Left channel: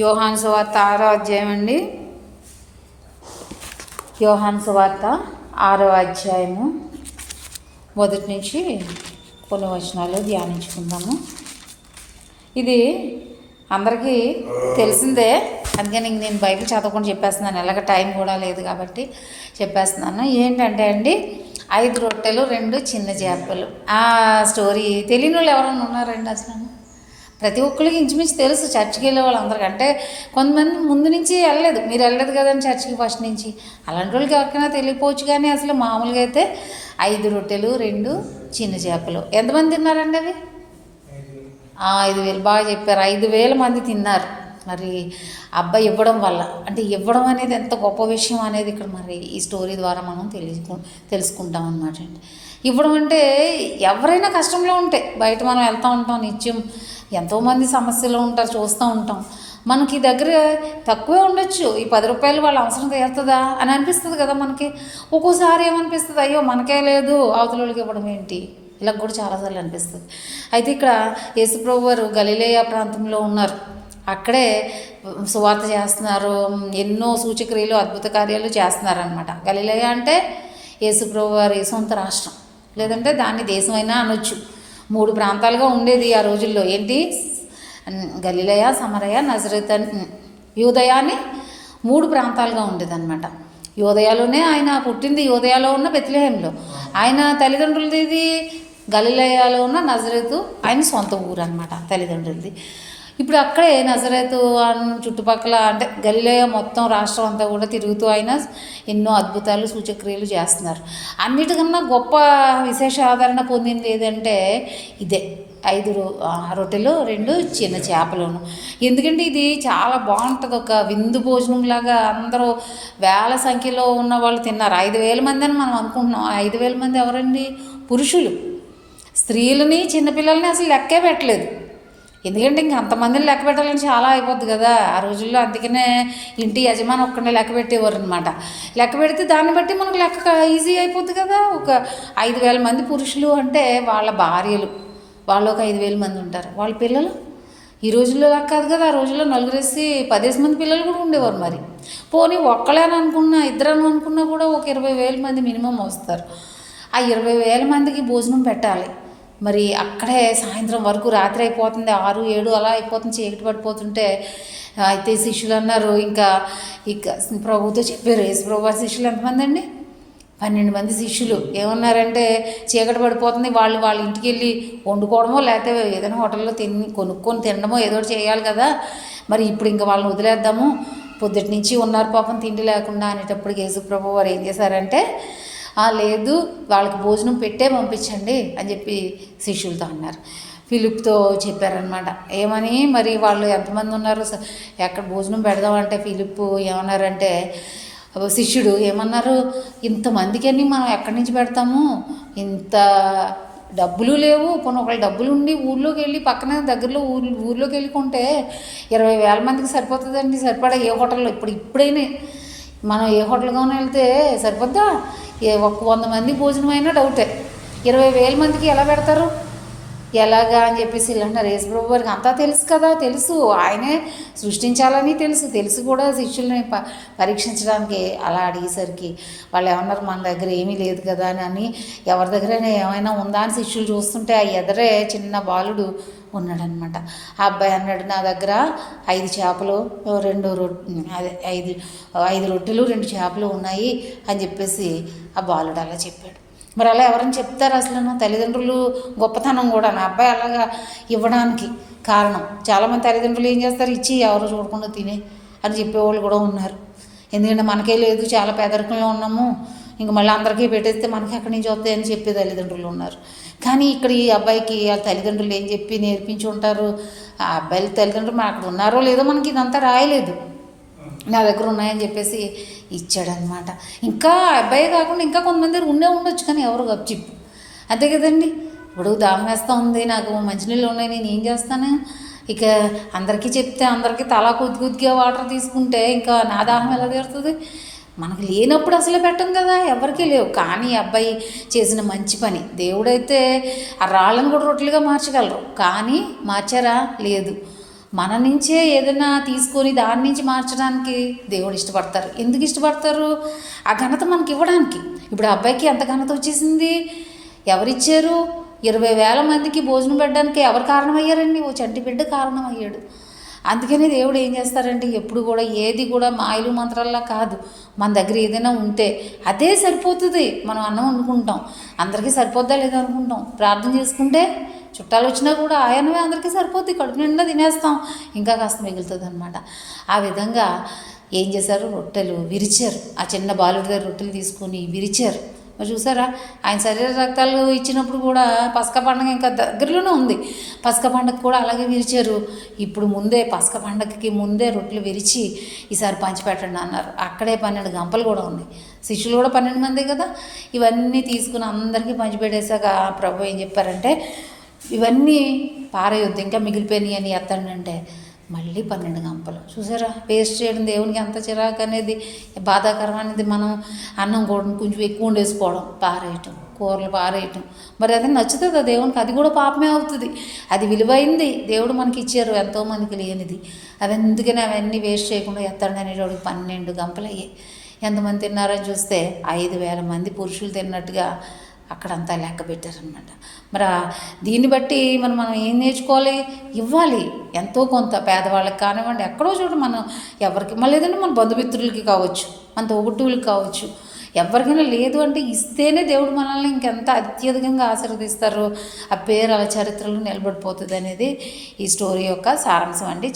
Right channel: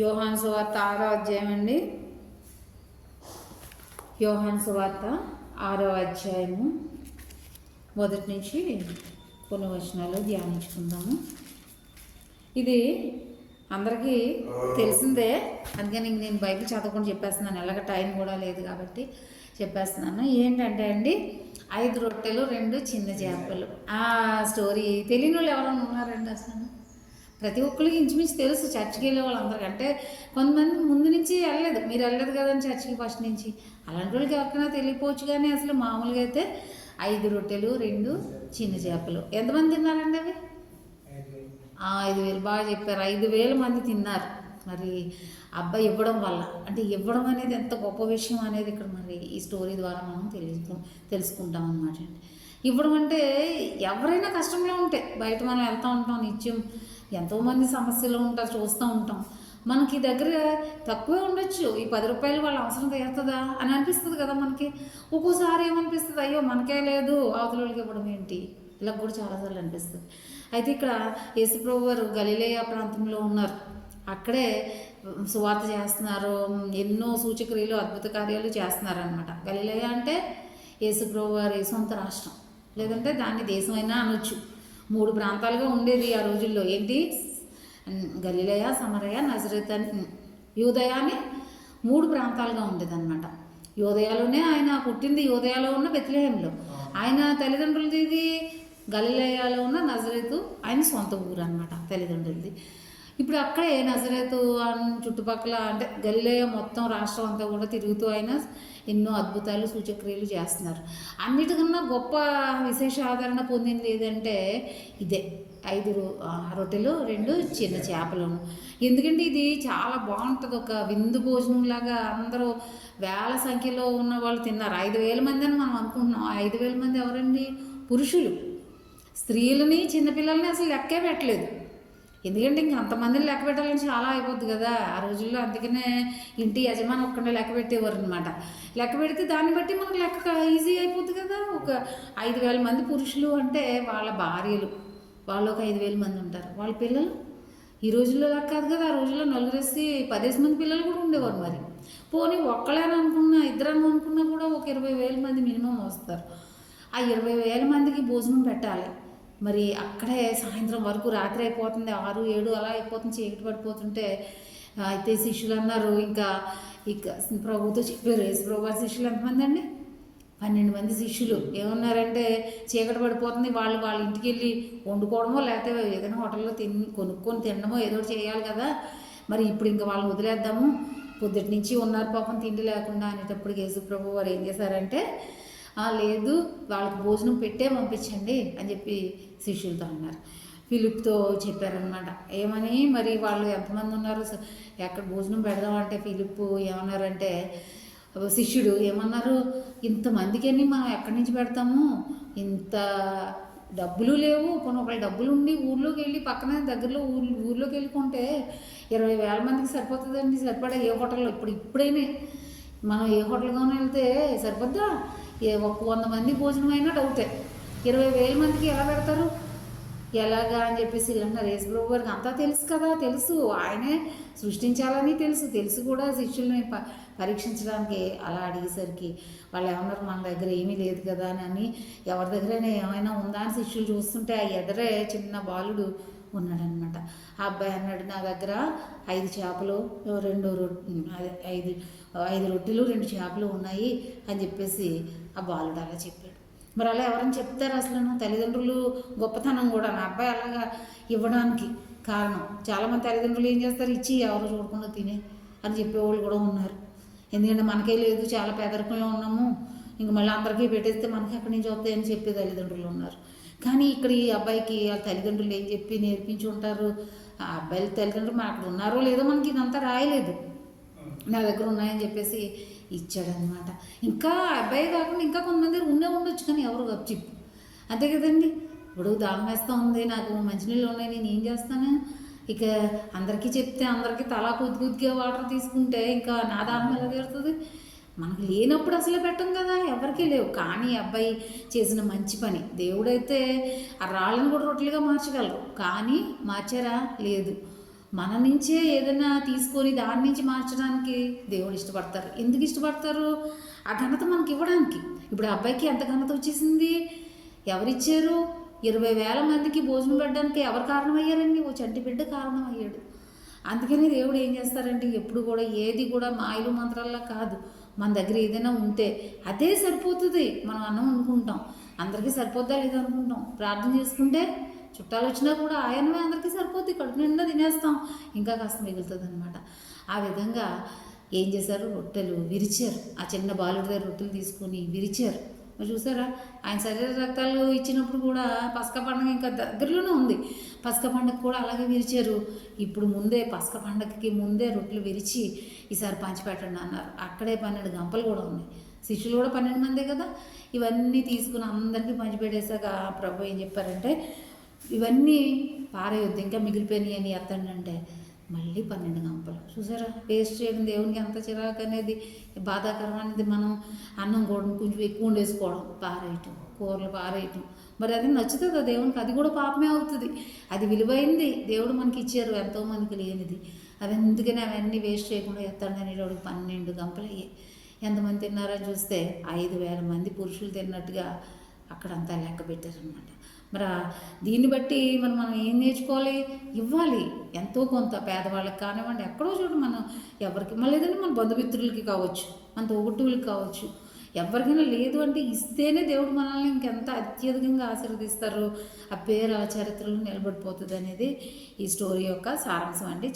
యోహాను సువార్త 6వ అధ్యాయం అండి. యోహాను సువార్త 6వ అధ్యాయము మొదటి నుంచి కొన్ని వచనాలు ధ్యానించుకుందాము. ఇది అందరికీ తెలిసిందే, అందుకని నేను బైబిల్ చదవకుండా చెప్పేస్తున్నాను. ఎలాగ టైం కూడా లేదు కాబట్టి చెప్పేస్తున్నాను. ఏంటంటే అండి, 5 రొట్టెలు 2 చిన్న చేపలు. ఆ స్టోరీ తెలియని వాళ్ళు ఎవరైనా ఉన్నారండి? అసలు ప్రతి ఒక్కరికి ఇంచుమించు తెలుసు. చర్చికి వెళ్ళే వాళ్ళందరికీ, అంటే కొంతమంది ముందు నుంచి వెళ్ళలేదు. మీరు వెళ్ళలేదు కదండి చర్చికి ఫస్ట్ నుంచి. అలాంటి వాళ్ళకి ఎవరికైనా తెలియపోవచ్చు. కానీ అసలు మామూలుగా అయితే 5 రొట్టెలు 2 చిన్న చేపలు. ఎంతమంది తిన్నారండి అవి? 5,000. బాగా చెప్పారు. 5,000 మంది తిన్నారు. మరి అబ్బాయి ఇవ్వడం వల్ల, అంటే ఇవ్వడం అనేది ఎంత గొప్ప విషయం అనేది ఇక్కడ మరి ఈ స్టోరీ ద్వారా మనం తెలుసుకుంటాం అన్నమాట అండి. ఇవ్వడం అంటే ఎవరైనా కష్టంలో ఉంటే, బయట మనం వెళ్తూ ఉంటాం నిత్యం, ఎంతోమంది సమస్యలు ఉంటారు, చూస్తూ ఉంటాం. మనకి దగ్గర తక్కువే ఉండొచ్చు, ఈ 10 రూపాయలు వాళ్ళ అవసరం తీరుతుందా అని అనిపిస్తుంది కదా మనకి. ఒక్కోసారి ఏమనిపిస్తుంది, అయ్యో మనకే లేదు అవతల వాళ్ళకి ఇవ్వడం ఏంటి, ఇలా కూడా చాలాసార్లు అనిపిస్తుంది. అయితే ఇక్కడ యేసుప్రభు వారు గలిలయ ప్రాంతంలో ఉన్నారు. అక్కడే సువార్త చేస్తున్నారు. ఎన్నో సూచక్రియలు అద్భుత కార్యాలు చేస్తున్నారనమాట. గలిలయ అంటే యేసుప్రభు వారి సొంత రాష్ట్రం, లేదంటే దాన్ని దేశమైనా అనొచ్చు. 3 ప్రాంతాలుగా ఉండేది ఆ రోజుల్లో. ఏంటి? గలిలయ, సమరయ, నజరేత్, యూదయ అని 3 ప్రాంతాలుగా ఉండేదన్నమాట. యూదయలోనే ఆయన పుట్టింది, యూదయలో ఉన్న బెత్లెహేంలో. ఆయన తల్లిదండ్రులది గలిలయలో ఉన్న నజరేతు ఆయన సొంత ఊరు అనమాట తల్లిదండ్రులది. ఇప్పుడు అక్కడే నజరేతు చుట్టుపక్కల, అంటే గలిలయ మొత్తం రాష్ట్రం అంతా కూడా తిరుగుతూ ఆయన ఎన్నో అద్భుతాలు సూచక్రియలు చేస్తున్నారు. అన్నిటికన్నా గొప్ప విశేష ఆదరణ పొందింది ఏదంటే ఇదే, 5 రొట్టెలు 2 చిన్న చేపలను. ఎందుకంటే ఇది చాలా బాగుంటుంది, ఒక విందు భోజనంలాగా. అందరూ వేల సంఖ్యలో ఉన్న వాళ్ళు తిన్నారు. 5,000 మంది అని మనం అనుకుంటున్నాం. 5,000 మంది ఎవరండి? పురుషులు. స్త్రీలని చిన్నపిల్లల్ని అసలు లెక్కే పెట్టలేదు. ఎందుకంటే ఇంక అంతమందిని లెక్క పెట్టాలని చాలా అయిపోద్ది కదా ఆ రోజుల్లో. అందుకనే ఇంటి యజమాని ఒక్కడిని లెక్క పెట్టేవారు అనమాట. లెక్క పెడితే దాన్ని బట్టి మనకు లెక్క ఈజీ అయిపోద్ది కదా. ఒక 5,000 మంది పురుషులు అంటే వాళ్ళ భార్యలు, వాళ్ళు ఒక 5,000 మంది ఉంటారు. వాళ్ళ పిల్లలు ఈ రోజుల్లో లెక్క కాదు కదా. ఆ రోజుల్లో 10 మంది పిల్లలు కూడా ఉండేవారు. మరి పోనీ ఒక్కలేని అనుకున్నా, ఇద్దరని అనుకున్నా కూడా ఒక 20,000 మంది మినిమం వస్తారు. ఆ 20,000 మందికి భోజనం పెట్టాలి. మరి అక్కడే సాయంత్రం వరకు, రాత్రి అయిపోతుంది, 6, 7 అలా అయిపోతుంది, చీకటి పడిపోతుంటే. అయితే శిష్యులు అన్నారు, ఇంకా ప్రభుతో చెప్పారు. యేసు ప్రభు వారి శిష్యులు ఎంతమంది అండి? 12 మంది శిష్యులు. ఏమన్నారంటే, చీకటి పడిపోతుంది, వాళ్ళ ఇంటికి వెళ్ళి వండుకోవడమో లేకపోతే ఏదైనా హోటల్లో కొనుక్కొని తినడమో ఏదో చేయాలి కదా. మరి ఇప్పుడు ఇంకా వాళ్ళని వదిలేద్దాము, పొద్దుటి నుంచి ఉన్నారు పాపం తిండి లేకుండా అనేటప్పటికి యేసు ప్రభు వారు ఏం చేశారంటే, లేదు వాళ్ళకి భోజనం పెట్టే పంపించండి అని చెప్పి శిష్యులతో అన్నారు. ఫిలిప్తో చెప్పారనమాట. ఏమని, మరి వాళ్ళు ఎంతమంది ఉన్నారు, ఎక్కడ భోజనం పెడదామంటే ఫిలిప్ ఏమన్నారంటే, శిష్యుడు ఏమన్నారు, ఇంతమందికి అని మనం ఎక్కడి నుంచి పెడతాము, ఇంత డబ్బులు లేవు. పోనీ ఒకళ్ళు డబ్బులు ఉండి ఊళ్ళోకి వెళ్ళి పక్కన దగ్గరలో ఊళ్ళోకి వెళ్ళుకుంటే 20,000 మందికి సరిపోతుందండి. సరిపడా ఏ హోటల్లో ఇప్పుడైనా మనం ఏ హోటల్గానో వెళ్తే సరిపోద్దా? 100 మంది భోజనం అయినా డౌటే. 20,000 మందికి ఎలా పెడతారు, ఎలాగా అని చెప్పేసి ఇలా అన్నారు. యేసు ప్రభు వారికి అంతా తెలుసు కదా, తెలుసు ఆయనే సృష్టించాలని తెలుసు కూడా శిష్యుల్ని పరీక్షించడానికి అలా అడిగేసరికి వాళ్ళు ఏమన్నారు, మన దగ్గర ఏమీ లేదు కదా అని. ఎవరి దగ్గరైనా ఏమైనా ఉందా అని శిష్యులు చూస్తుంటే ఆ ఎదరే చిన్న బాలుడు ఉన్నాడనమాట. ఆ అబ్బాయి అన్నాడు, నా దగ్గర 5 చేపలు 5 రొట్టెలు 2 చేపలు ఉన్నాయి అని చెప్పేసి ఆ బాలుడు అలా చెప్పాడు. మరి అలా ఎవరైనా చెప్తారు అసలు? నా తల్లిదండ్రులు గొప్పతనం కూడా నా అబ్బాయి అలాగా ఇవ్వడానికి కారణం. చాలామంది తల్లిదండ్రులు ఏం చేస్తారు, ఇచ్చి ఎవరు చూడకుండా తినే అని చెప్పేవాళ్ళు కూడా ఉన్నారు. ఎందుకంటే మనకే లేదు, చాలా పేదరికంలో ఉన్నాము, ఇంక మళ్ళీ అందరికీ పెట్టేస్తే మనకి ఎక్కడి నుంచి వస్తాయి అని చెప్పే తల్లిదండ్రులు ఉన్నారు. కానీ ఇక్కడ ఈ అబ్బాయికి ఆ తల్లిదండ్రులు ఏం చెప్పి నేర్పించి ఉంటారు? ఆ అబ్బాయిల తల్లిదండ్రులు మన అక్కడ ఉన్నారో లేదో మనకి ఇదంతా రాయలేదు, నా దగ్గర ఉన్నాయని చెప్పేసి ఇచ్చాడనమాట. ఇంకా అబ్బాయి కాకుండా ఇంకా కొంతమంది ఉండొచ్చు, కానీ ఎవరు గప్చిప్పు, అంతే కదండి. ఇప్పుడు దాహం వేస్తూ ఉంది, నాకు మంచినీళ్ళు ఉన్నాయి, నేను ఏం చేస్తాను? ఇక అందరికీ చెప్తే అందరికీ తలా కొద్దిగా వాటర్ తీసుకుంటే ఇంకా నా దాహం ఎలా తీరుతుంది? మనకు లేనప్పుడు అసలు పెట్టం కదా, ఎవరికీ లేవు. కానీ అబ్బాయి చేసిన మంచి పని. దేవుడైతే ఆ రాళ్ళను కూడా రొట్టెలుగా మార్చగలరు, కానీ మార్చారా? లేదు. మన నుంచే ఏదైనా తీసుకొని దాని నుంచి మార్చడానికి దేవుడు ఇష్టపడతారు. ఎందుకు ఇష్టపడతారు? ఆ ఘనత మనకి ఇవ్వడానికి. ఇప్పుడు ఆ అబ్బాయికి ఎంత ఘనత వచ్చేసింది? ఎవరిచ్చారు? 20,000 మందికి భోజనం పెట్టడానికి ఎవరు కారణమయ్యారండి? ఓ చంటి బిడ్డ కారణమయ్యాడు. అందుకని దేవుడు ఏం చేస్తారంటే ఎప్పుడు కూడా ఏది కూడా మాయలు మంత్రాల్లా కాదు. మన దగ్గర ఏదైనా ఉంటే అదే సరిపోతుంది. మనం అన్నం వండుకుంటాం, అందరికీ సరిపోద్దా లేదా అనుకుంటాం. ప్రార్థన చేసుకుంటే చుట్టాలు వచ్చినా కూడా ఆయనవే అందరికీ సరిపోద్ది, కడుపు నిండా తినేస్తాం, ఇంకా కాస్త మిగులుతుంది అనమాట. ఆ విధంగా ఏం చేశారు? రొట్టెలు విరిచారు. ఆ చిన్న బాలుడి దగ్గర రొట్టెలు తీసుకొని విరిచారు. మరి చూసారా, ఆయన శరీర రక్తాలు ఇచ్చినప్పుడు కూడా పసక పండుగ ఇంకా దగ్గరలోనే ఉంది. పసక పండుగ కూడా అలాగే విరిచారు. ఇప్పుడు ముందే పసక పండుగకి ముందే రొట్టెలు విరిచి ఈసారి పంచిపెట్టండి అన్నారు. అక్కడే 12 గంపలు కూడా ఉంది. శిష్యులు కూడా 12 మంది కదా. ఇవన్నీ తీసుకుని అందరికీ పంచిపెట్టేశాక ప్రభు ఏం చెప్పారంటే, ఇవన్నీ పారేయొద్దు, ఇంకా మిగిలిపోయినాయి అని ఎత్తండి అంటే మళ్ళీ 12 గంపలు. చూసారా, వేస్ట్ చేయడం దేవునికి ఎంత చిరాకు అనేది, బాధాకరం అనేది. మనం అన్నం కూడా కొంచెం ఎక్కువ వండేసుకోవడం, పారేయటం, కూరలు పారేయటం. మరి అది నచ్చుతుందా దేవునికి? అది కూడా పాపమే అవుతుంది. అది విలువైంది, దేవుడు మనకి ఇచ్చారు, ఎంతోమందికి లేనిది. అది అందుకని అవన్నీ వేస్ట్ చేయకుండా ఎత్తండి అనేటోడికి 12 గంపలు అయ్యాయి. ఎంతమంది తిన్నారని చూస్తే 5,000 మంది పురుషులు తిన్నట్టుగా అక్కడంతా లెక్క పెట్టారనమాట. మరి దీన్ని బట్టి మనం ఏం నేర్చుకోవాలి? ఇవ్వాలి ఎంతో కొంత పేదవాళ్ళకి కానివ్వండి, ఎక్కడో చోట మనం ఎవరికి మళ్ళీ ఏదంటే మన బంధుమిత్రులకి కావచ్చు, మన తోబుట్టువులకి కావచ్చు, ఎవరికైనా లేదు అంటే ఇస్తేనే దేవుడు మనల్ని ఇంకెంత అత్యధికంగా ఆశీర్వదిస్తారు. ఆ పేరు అలా చరిత్రలో నిలబడిపోతుంది అనేది ఈ స్టోరీ యొక్క సారాంశం అండి.